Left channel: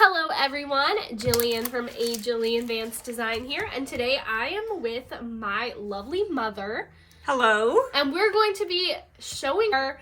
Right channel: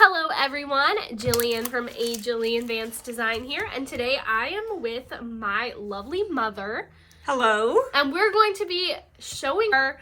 Hello everyone, Jillian from Jillian Vance Design here, and today I am with my lovely mother. Hello. And we're going to be showing our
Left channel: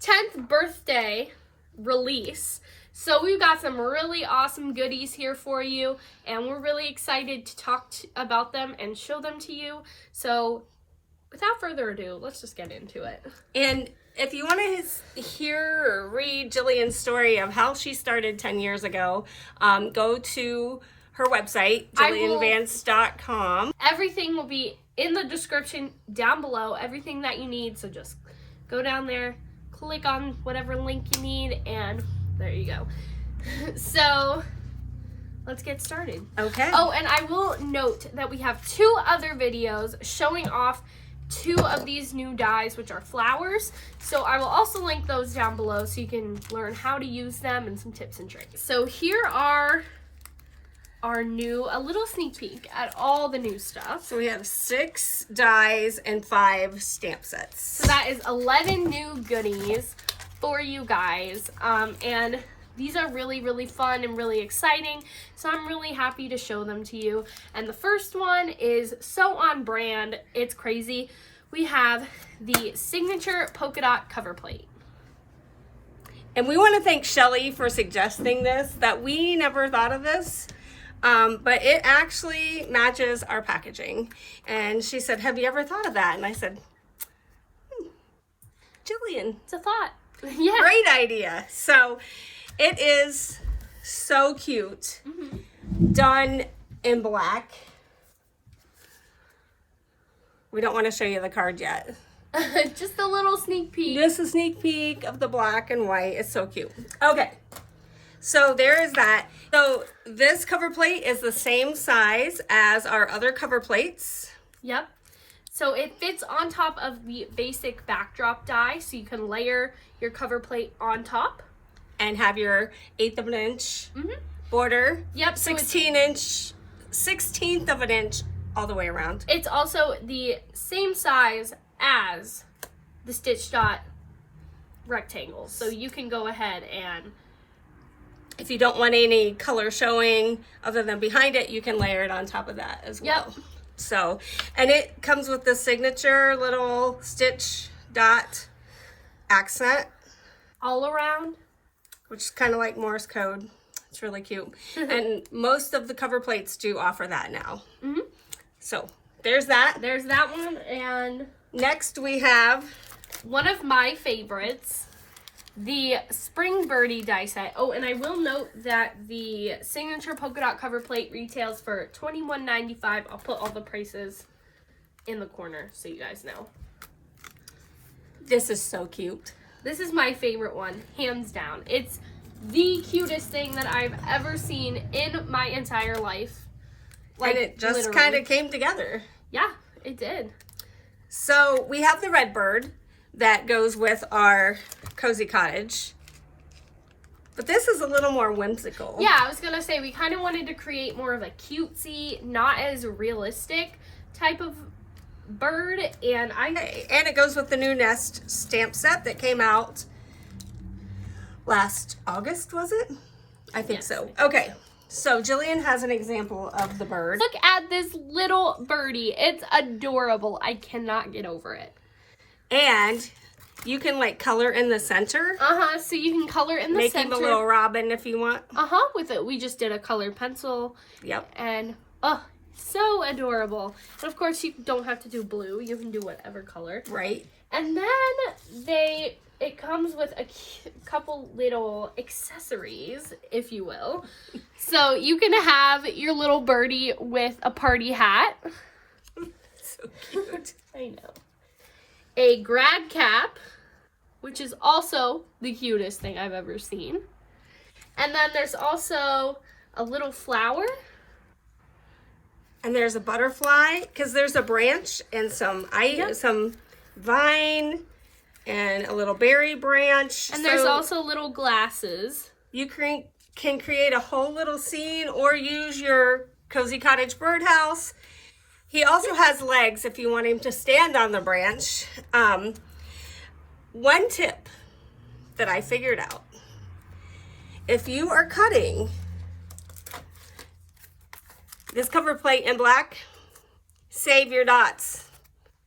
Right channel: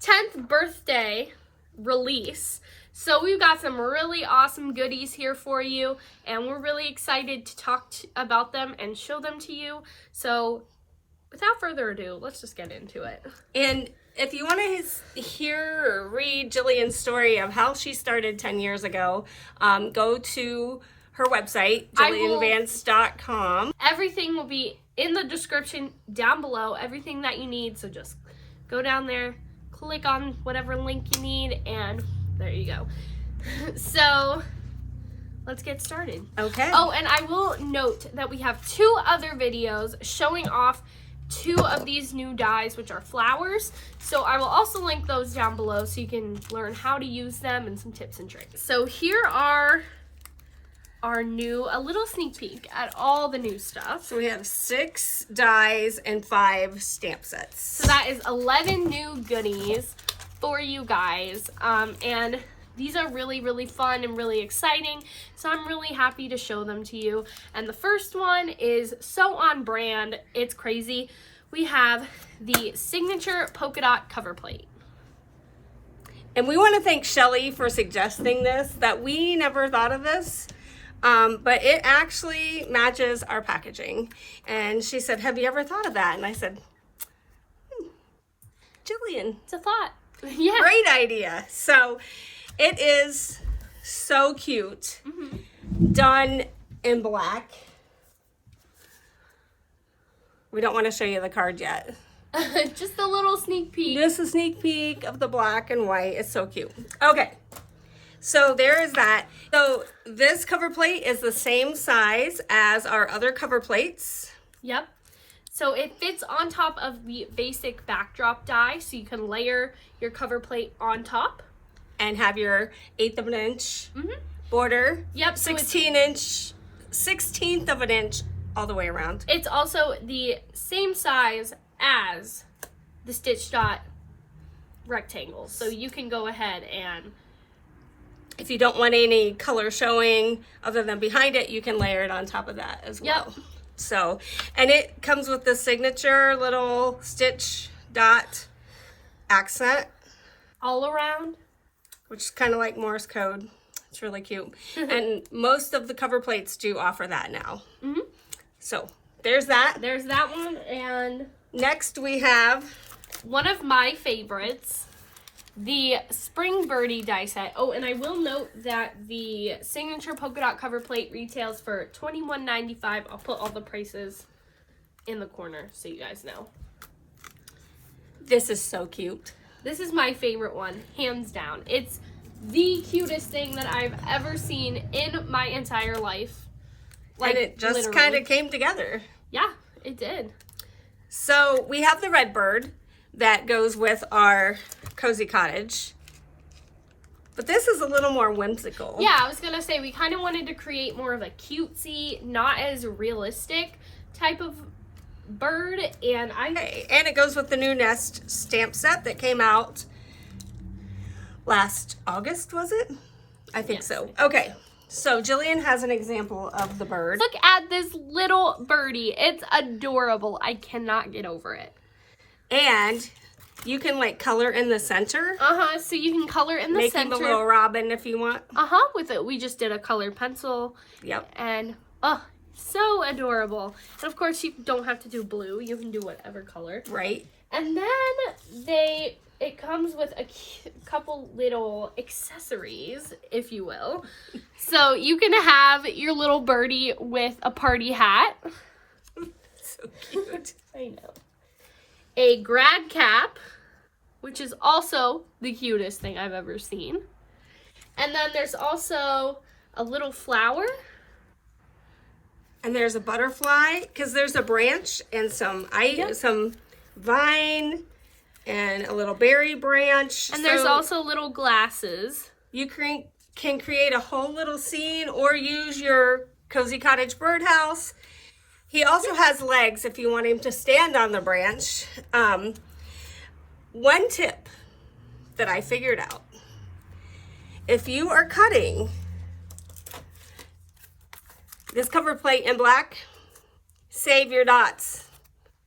10th birthday release. So we've got some really awesome goodies here for you, and we're really excited to talk about them and show them to you. So without further ado, let's just get into it. And if you want to hear or read Jillian's story of how she started 10 years ago, go to her website, jillianvance.com. Everything will be in the description down below, everything that you need. So just go down there, click on whatever link you need, and there you go. So let's get started. Okay. Oh, and I will note that we have 2 other videos showing off 2 of these new dies, which are flowers. So I will also link those down below so you can learn how to use them and some tips and tricks. So here are our a little sneak peek at all the new stuff. So we have 6 dies and 5 stamp sets. So that is 11 new goodies for you guys. And these are really, really fun and really exciting. So I'm really happy to show them to you. And the first one is so on brand, it's crazy. We have the signature polka dot cover plate. And we want to thank Shelly for suggesting this, that we never thought of this. But it actually matches our packaging. And she said, have you ever thought of that? And I said, Jillian, It's a thought. Yeah. great idea. So it is so cute. Done in black. We don't want to show you the card yet. Just a little sneak peek. Just a sneak peek of the black and white. It's so cute. Okay, so there is that. So this cover plate is the same size as our other cover plates. Yep. So it fits on top of the basic backdrop die, so you can layer your cover plate on top. And have your 1/8 of an inch border. Yep. So 16th of an inch all the way around. it's also the same size as the stitch dot rectangles. So you can go ahead and, if you don't want any color showing other than behind it, you can layer it on top of that as well. Yep. So, and it comes with the signature little stitch dot accent, all around. which is kind of like Morse code. It's really cute. And most of the cover plates do offer that now. So there's that. There's that one, and Next we have, one of my favorites, the spring Birdie Die Set. Oh, and I will note that the signature polka dot cover plate retails for $21.95. I'll put all the prices in the corner so you guys know. this is so cute. This is my favorite one, hands down. It's the cutest thing that I've ever seen in my entire life. And it just literally. kind of came together. Yeah, it did. So we have the red bird that goes with our cozy cottage. But this is a little more whimsical. Yeah, I was gonna say, we kind of wanted to create more of a cutesy, not as realistic type of bird, and And it goes with the new Nest stamp set that came out last August, was it? I think Yes. so. Okay, so Jillian has an example of the bird. look at this little birdie. It's adorable. I cannot get over it. And you can like color in the center. So you can color in the Make center. the little robin if you want. With it. We just did a colored pencil. Yep. And, oh, so adorable. And of course, you don't have to do blue. You can do whatever color. Right. And then it comes with a couple little accessories, if you will. So you can have your little birdie with a party hat. So cute. I know. A grad cap, which is also the cutest thing I've ever seen. And then there's also a little flower. And there's a butterfly, because there's a branch and some vine and a little berry branch. And there's also little glasses. You can create a whole little scene or use your cozy cottage birdhouse. He also has legs if you want him to stand on the branch. One tip that I figured out, if you are cutting this cover plate in black. Save your dots.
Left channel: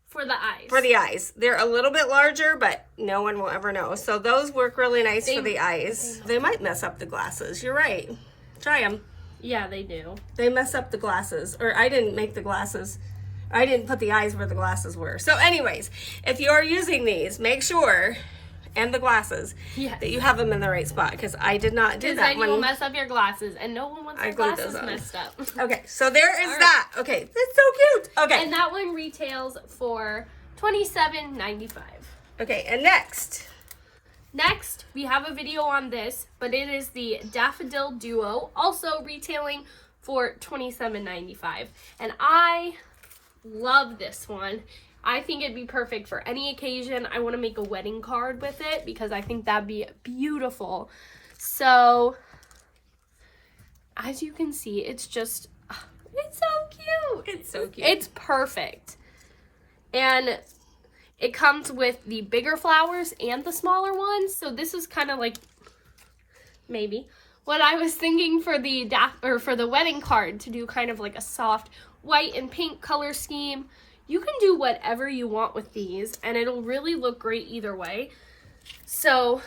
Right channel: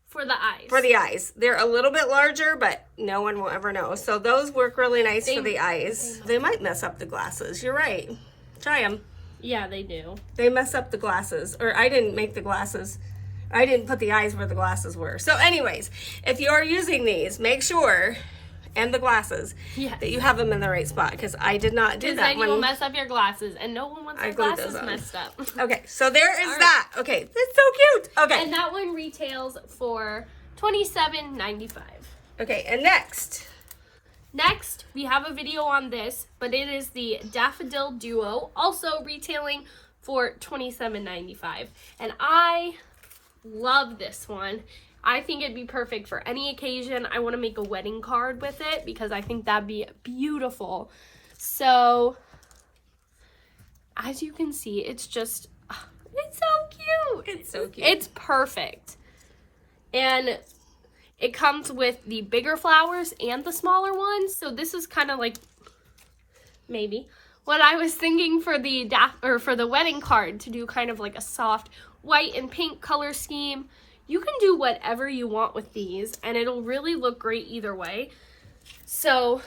For the eyes. For the eyes. They're a little bit larger, but no one will ever know. So those work really nice for the eyes. They might mess up the glasses. You're right. Try them. Yeah, they do. They mess up the glasses. Or I didn't make the glasses. I didn't put the eyes where the glasses were. So anyways, if you are using these, make sure, and the glasses, that you have them in the right spot. Because I did not do that. Because then you will mess up your glasses. And no one wants their glasses messed up. Okay, so there is that. Okay, that's so cute. Okay. And that one retails for $27.95. Okay, and next, we have a video on this, but it is the Daffodil Duo, also retailing for $27.95. And I love this one. I think it'd be perfect for any occasion. I want to make a wedding card with it because I think that'd be beautiful. So, as you can see, it's just, it's so cute. It's so cute. It's perfect. And it comes with the bigger flowers and the smaller ones. So this is kind of like, maybe, what I was thinking for the wedding card, to do kind of like a soft white and pink color scheme. You can do whatever you want with these, and it'll really look great either way. So,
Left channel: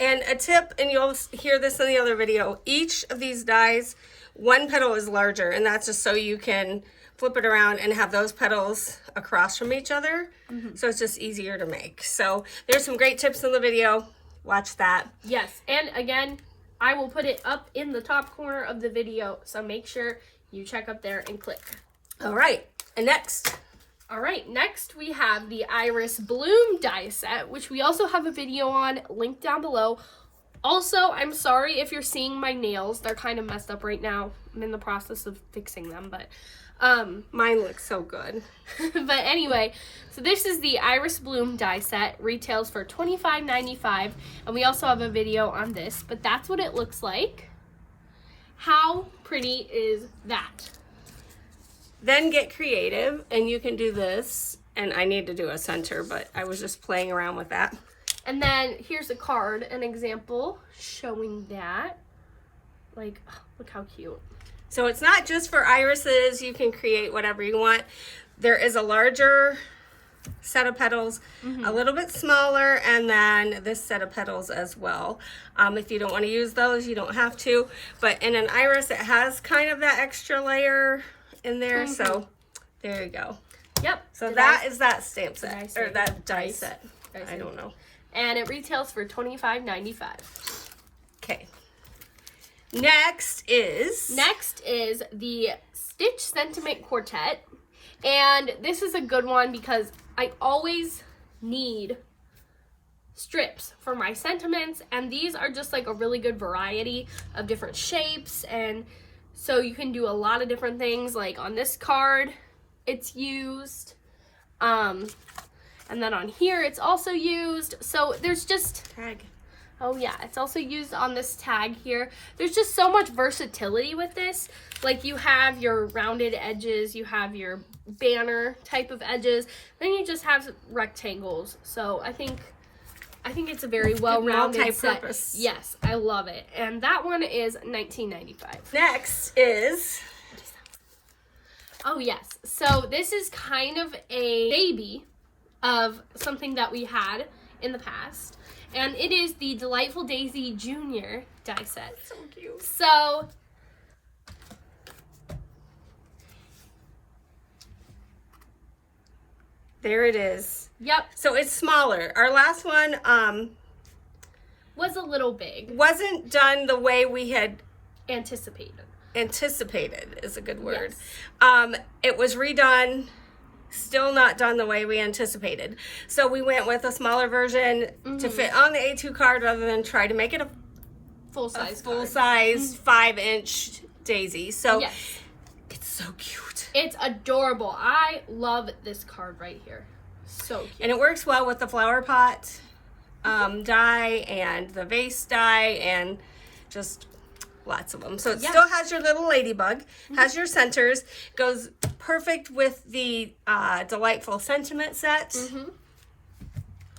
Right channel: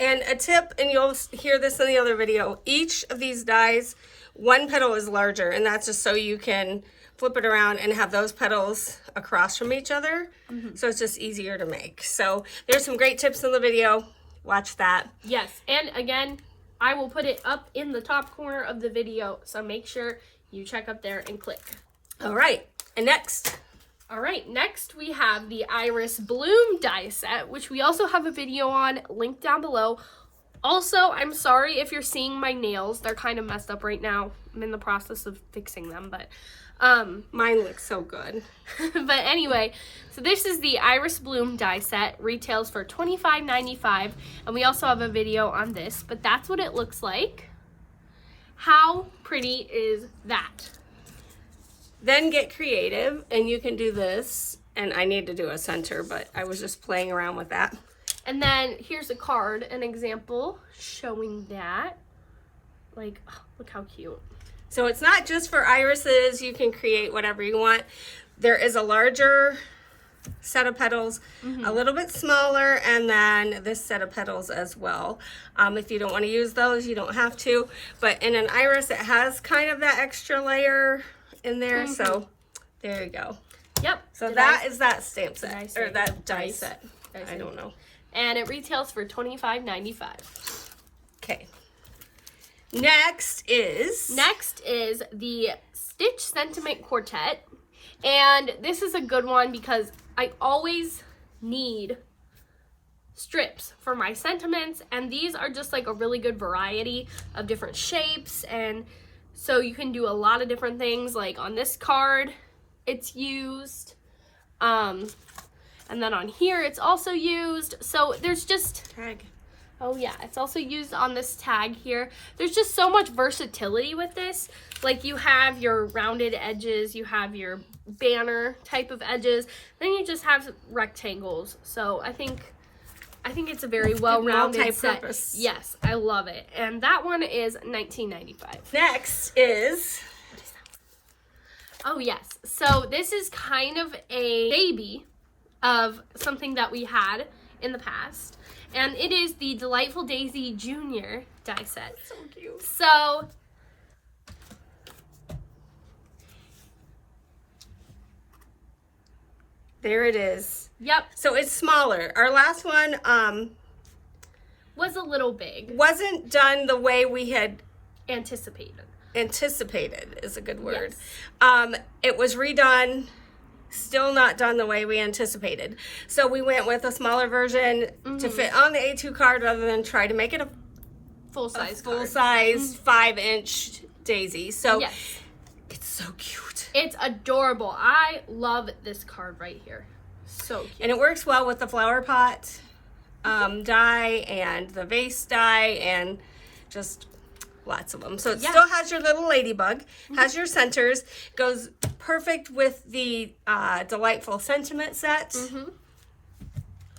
and a tip, and you'll hear this in the other video, each of these dies, one petal is larger, and that's just so you can flip it around and have those petals across from each other. So it's just easier to make. So there's some great tips in the video. Watch that. Yes, and again, I will put it up in the top corner of the video, so make sure you check up there and click. All right, and next. All right, next we have the Iris Bloom Die Set, which we also have a video on, linked down below. Also, I'm sorry if you're seeing my nails. They're kind of messed up right now. I'm in the process of fixing them, but mine looks so good. But anyway, so this is the Iris Bloom Die Set, retails for $25.95, and we also have a video on this, but that's what it looks like. How pretty is that? Then get creative, and you can do this, and I need to do a center, but I was just playing around with that. And then here's a card, an example showing that. Like, oh, look how cute. So it's not just for irises. You can create whatever you want. There is a larger set of petals, a little bit smaller, and then this set of petals as well. If you don't want to use those, you don't have to. But in an iris, it has kind of that extra layer in there. So there you go. Yep. So that is that stamp set, or that die dice. set. I don't know. And it retails for $25.95. Okay. Next is the Stitch Sentiment Quartet. And this is a good one because I always need strips for my sentiments, and these are just like a really good variety of different shapes, and so you can do a lot of different things. Like on this card, it's used. And then on here, it's also used. So there's just, oh yeah, it's also used on this tag here. There's just so much versatility with this. Like you have your rounded edges, you have your banner type of edges, then you just have rectangles. So I think it's a very well-rounded set. Multi-purpose. Yes, I love it. And that one is $19.95. Next is, what is that one? Oh yes, so this is kind of a baby of something that we had in the past, and it is the Delightful Daisy Junior die set. so cute. So There it is. yep, So it's smaller. Our last one was a little big. wasn't done the way we had Anticipated. anticipated, is a good word. Yes. It was redone, still not done the way we anticipated. So we went with a smaller version to fit on the A2 card rather than try to make it a Full-size card. full-size 5-inch daisy. So Yes. it's so cute. It's adorable. I love this card right here. So cute. And it works well with the flower pot die and the vase die and just lots of them. So it still has your little ladybug, has your centers, goes perfect with the Delightful Sentiment set.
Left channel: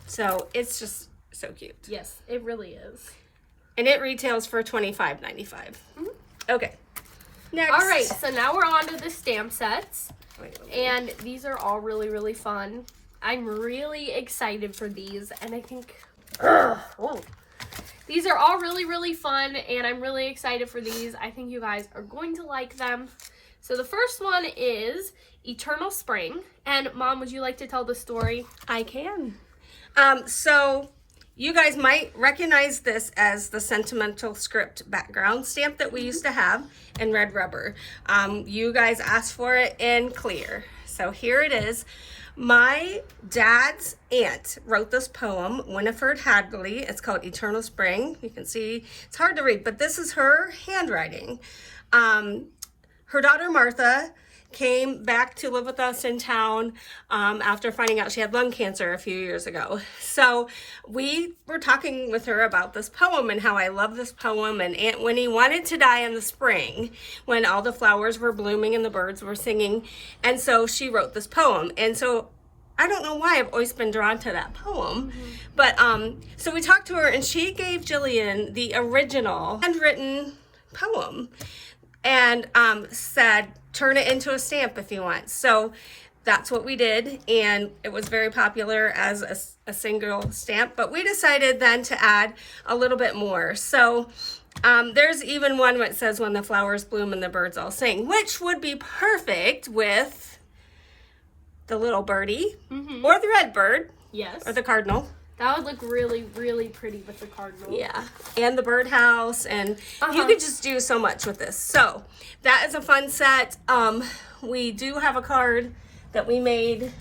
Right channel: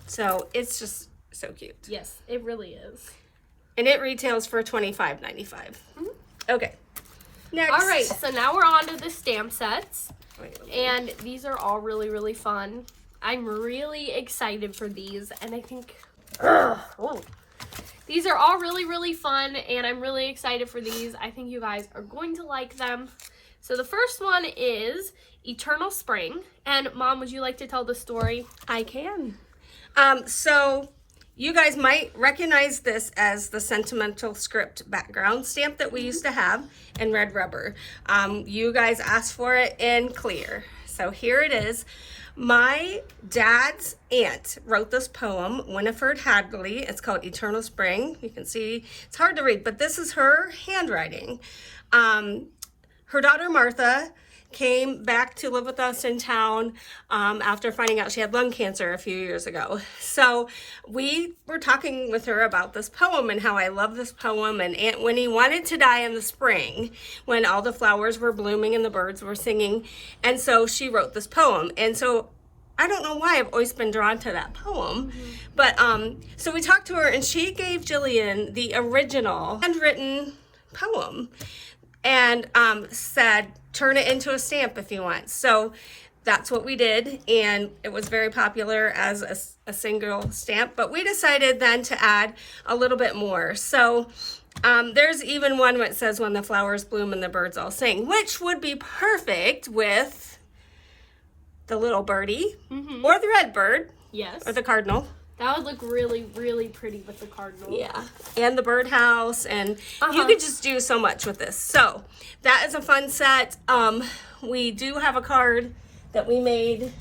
So it's just so cute. Yes, it really is. And it retails for $25.95. Okay. Next. All right, so now we're on to the stamp sets. And these are all really, really fun. I'm really excited for these. And I think... These are all really, really fun. And I'm really excited for these. I think you guys are going to like them. So the first one is Eternal Spring. And Mom, would you like to tell the story? I can. So you guys might recognize this as the sentimental script background stamp that we used to have in red rubber. You guys asked for it in clear. So here it is. My dad's aunt wrote this poem, Winifred Hadley. It's called Eternal Spring. You can see it's hard to read, but this is her handwriting. Her daughter Martha came back to live with us in town after finding out she had lung cancer a few years ago. So we were talking with her about this poem and how I love this poem. And Aunt Winnie wanted to die in the spring when all the flowers were blooming and the birds were singing. And so she wrote this poem. And so I don't know why I've always been drawn to that poem. But so we talked to her and she gave Jillian the original handwritten poem and said, turn it into a stamp if you want. So that's what we did, and it was very popular as a single stamp, but we decided then to add a little bit more. So there's even one that says when the flowers bloom and the birds all sing, which would be perfect with the little birdie or the red bird. Yes. Or the cardinal. That would look really, really pretty with the cardinal. Yeah, and the birdhouse, and you could just do so much with this. So that is a fun set. We do have a card that we made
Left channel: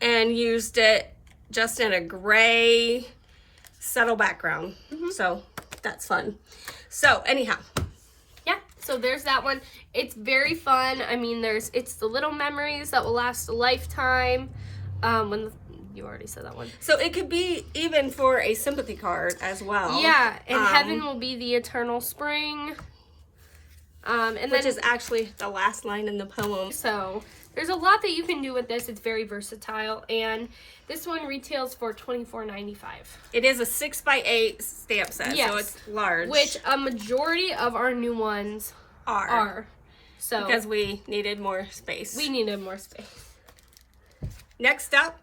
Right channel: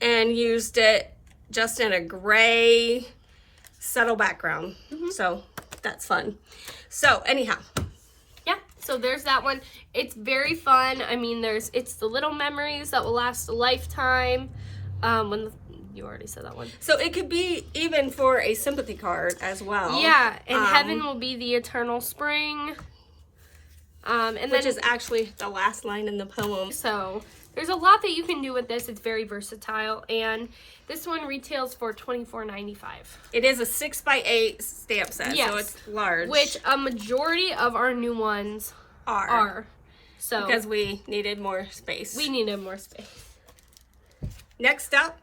and used it just in a gray subtle background. So that's fun. So anyhow. Yeah, so there's that one. It's very fun. I mean, it's the little memories that will last a lifetime. You already said that one. So it could be even for a sympathy card as well. Yeah, and heaven will be the eternal spring. Which is actually the last line in the poem. So there's a lot that you can do with this. It's very versatile, and this one retails for $24.95. It is a 6x8 stamp set, yes, so it's large. Which a majority of our new ones are. So because we needed more space. We needed more space. Next up,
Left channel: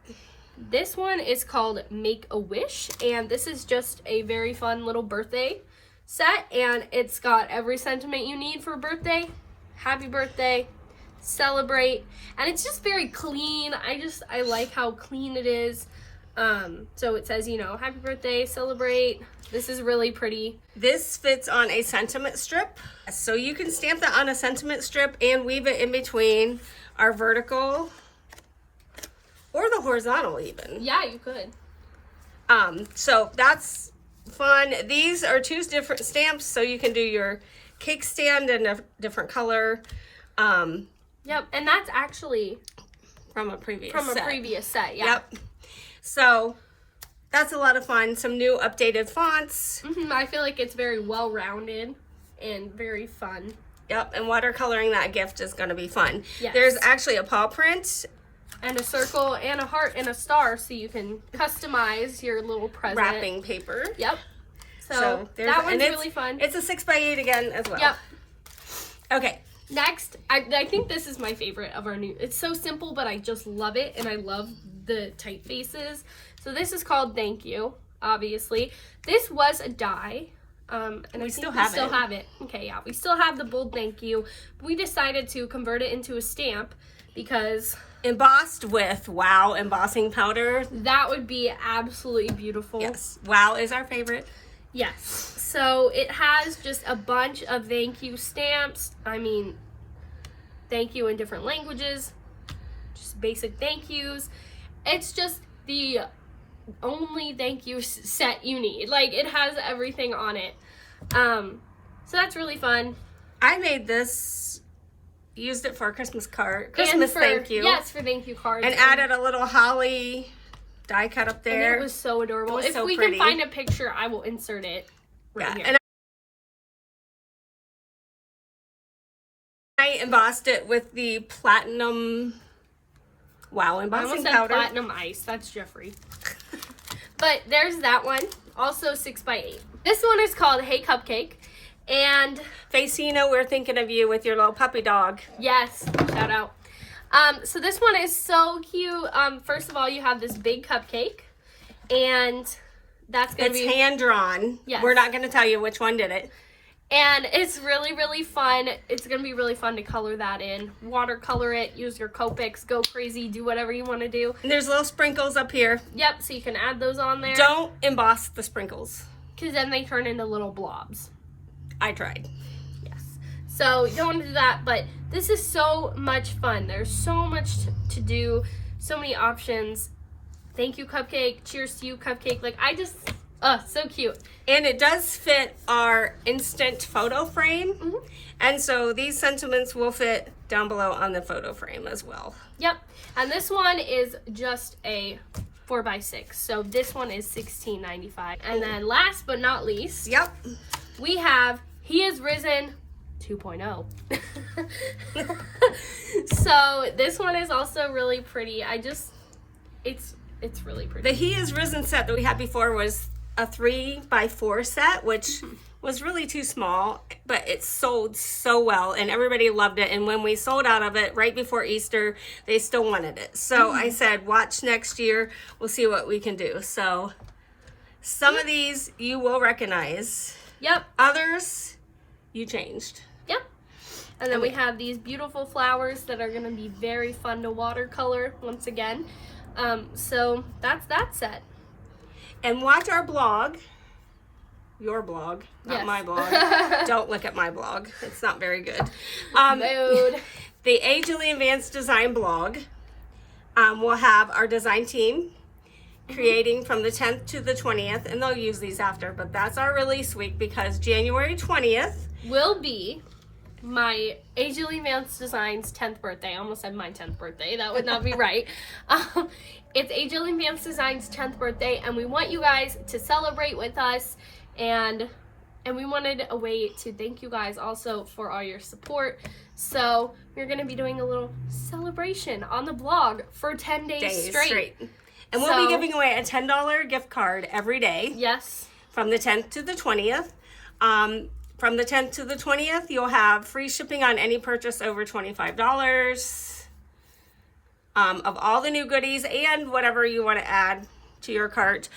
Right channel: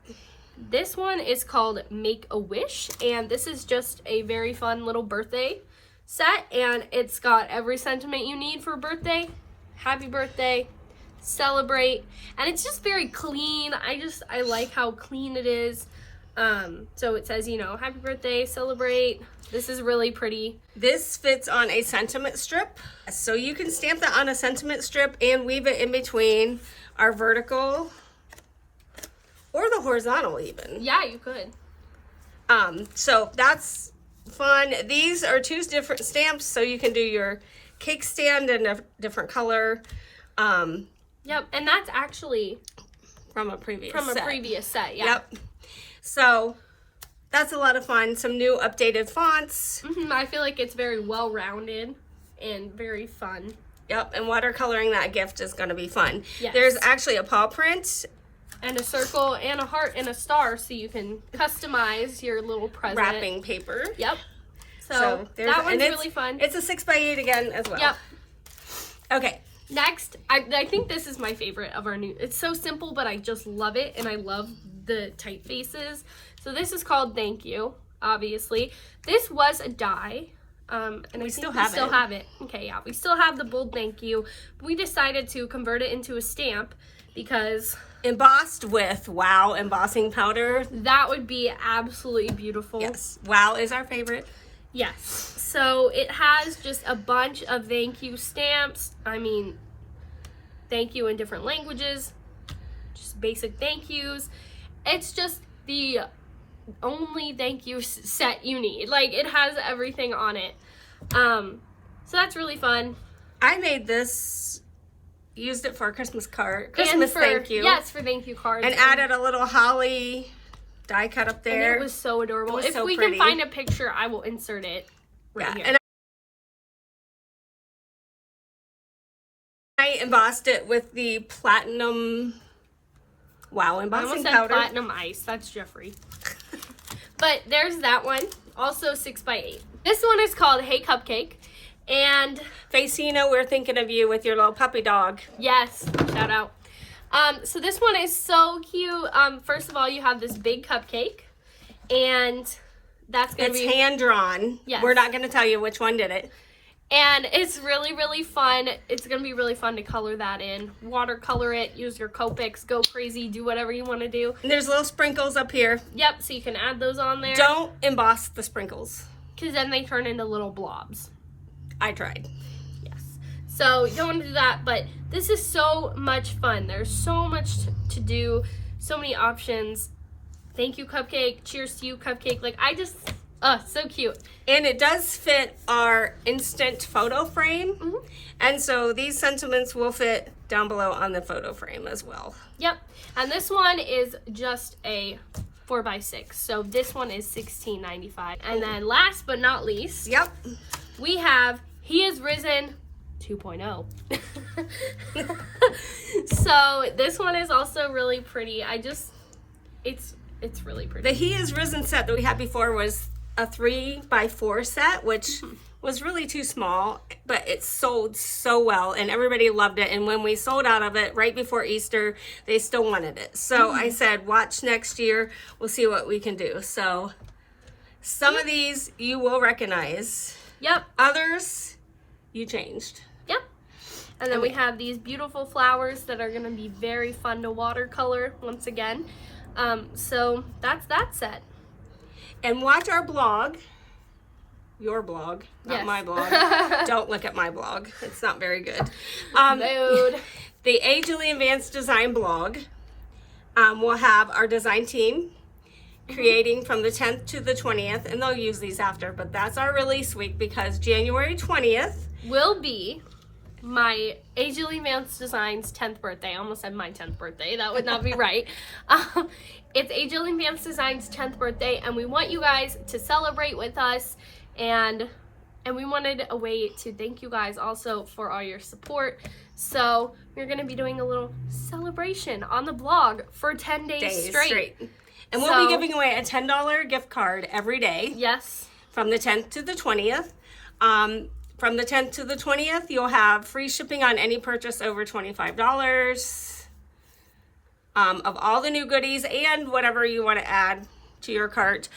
this one is called Make a Wish, and this is just a very fun little birthday set, and it's got every sentiment you need for a birthday. Happy birthday, celebrate, and it's just very clean. I like how clean it is. So it says, happy birthday, celebrate. This is really pretty. This fits on a sentiment strip, so you can stamp that on a sentiment strip and weave it in between our vertical or the horizontal even. Yeah, you could. So that's fun. These are two different stamps, so you can do your cake stand in a different color. Yep, and that's actually from a previous set. Yeah. Yep. So that's a lot of fun. Some new updated fonts. I feel like it's very well rounded and very fun. Yep, and watercoloring that gift is going to be fun. Yes. There's actually a paw print. And a circle and a heart and a star, so you can customize your little present. Wrapping paper. Yep. So that one's really fun. It's a 6x8 again as well. Yep. Okay. Next, I think this is my favorite of our new. It's so simple, but I just love it, and I love the typefaces. So this is called Thank You, obviously. This was a die. And I think we still have it. Okay, yeah. We still have the bold Thank You. We decided to convert it into a stamp because embossed with Wow embossing powder. That would be absolutely beautiful. Yes. Wow is our favorite. Yes. So it has just a bunch of thank you stamps. I mean, thank you in different languages. Just basic thank yous. It's just the only thank you set you need. Like, it has everything on it. So that's really fun. I made this, used it for a Christmas card. Thank you. Yes, for thank you cards. And added a little holly die cut up there. And it was so adorable. If we can find a picture, I will insert it right here. And I embossed it with the platinum Wow embossing powder. I almost said platinum ice. That's Jeffrey. But there's that one. Also 6x8. This one is called Hey Cupcake. And Facino, we're thinking of you with your little puppy dog. yes, shout out. So this one is so cute. First of all, you have this big cupcake, and that's going to be hand drawn. Yes. We're not going to tell you which one did it. And it's really, really fun. It's going to be really fun to color that in. Watercolor it, use your Copics, go crazy, do whatever you want to do. And there's little sprinkles up here. Yep, so you can add those on there. Don't emboss the sprinkles. Because then they turn into little blobs. I tried. Yes. So you don't want to do that, but this is so much fun. There's so much to do, so many options. Thank you, Cupcake. Cheers to you, Cupcake. Like, I just, so cute. And it does fit our instant photo frame. Mm-hmm. And so these sentiments will fit down below on the photo frame as well. Yep. And this one is just a 4x6. So this one is $16.95. And then last but not least, Yep. we have He Is Risen 2.0. So this one is also really pretty. It's really pretty. The He Is Risen set that we had before was a 3x4 set, which was really too small, but it sold so well and everybody loved it. And when we sold out of it right before Easter, they still wanted it. So I said, watch next year. We'll see what we can do. So some of these you will recognize. Yep. Others you changed. Yep. And then we have these beautiful flowers that are going to be very fun to watercolor once again. So that's that set. And watch our blog, your blog, not Yes. my blog. Don't look at my blog. It's not very good. Mood. The Jillian Vance design blog will have our design team creating from the 10th to the 20th, and they'll use these after, but that's our release week because January 20th Will be my Jillian Vance Design's 10th birthday. I almost said my 10th birthday. That would not be right. It's Jillian Vance Design's 10th birthday, and we want you guys to celebrate with us, and we wanted a way to thank you guys also for all your support. So we're going to be doing a little celebration on the blog for 10 days straight. And we'll be giving away a $10 gift card every day. Yes. From the 10th to the 20th. From the 10th to the 20th, you'll have free shipping on any purchase over $25 of all the new goodies and whatever you want to add to your cart.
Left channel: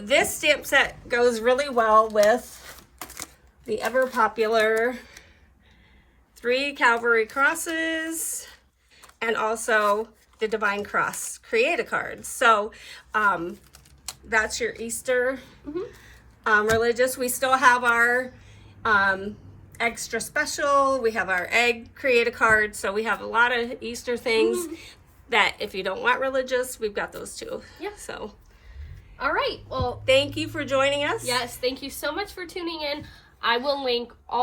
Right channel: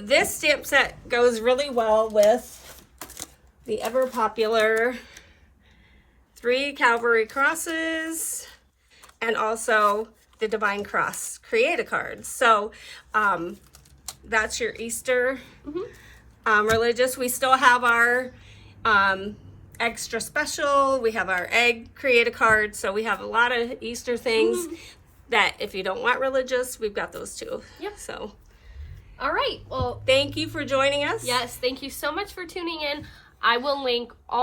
This stamp set goes really well with the ever popular 3 Calvary crosses and also the Divine Cross Create a card. So that's your Easter religious. We still have our extra special. We have our egg Create a card. So we have a lot of Easter things that if you don't want religious, we've got those too. Yep. So all right. Well, thank you for joining us. yes, thank you so much for tuning in. I will link all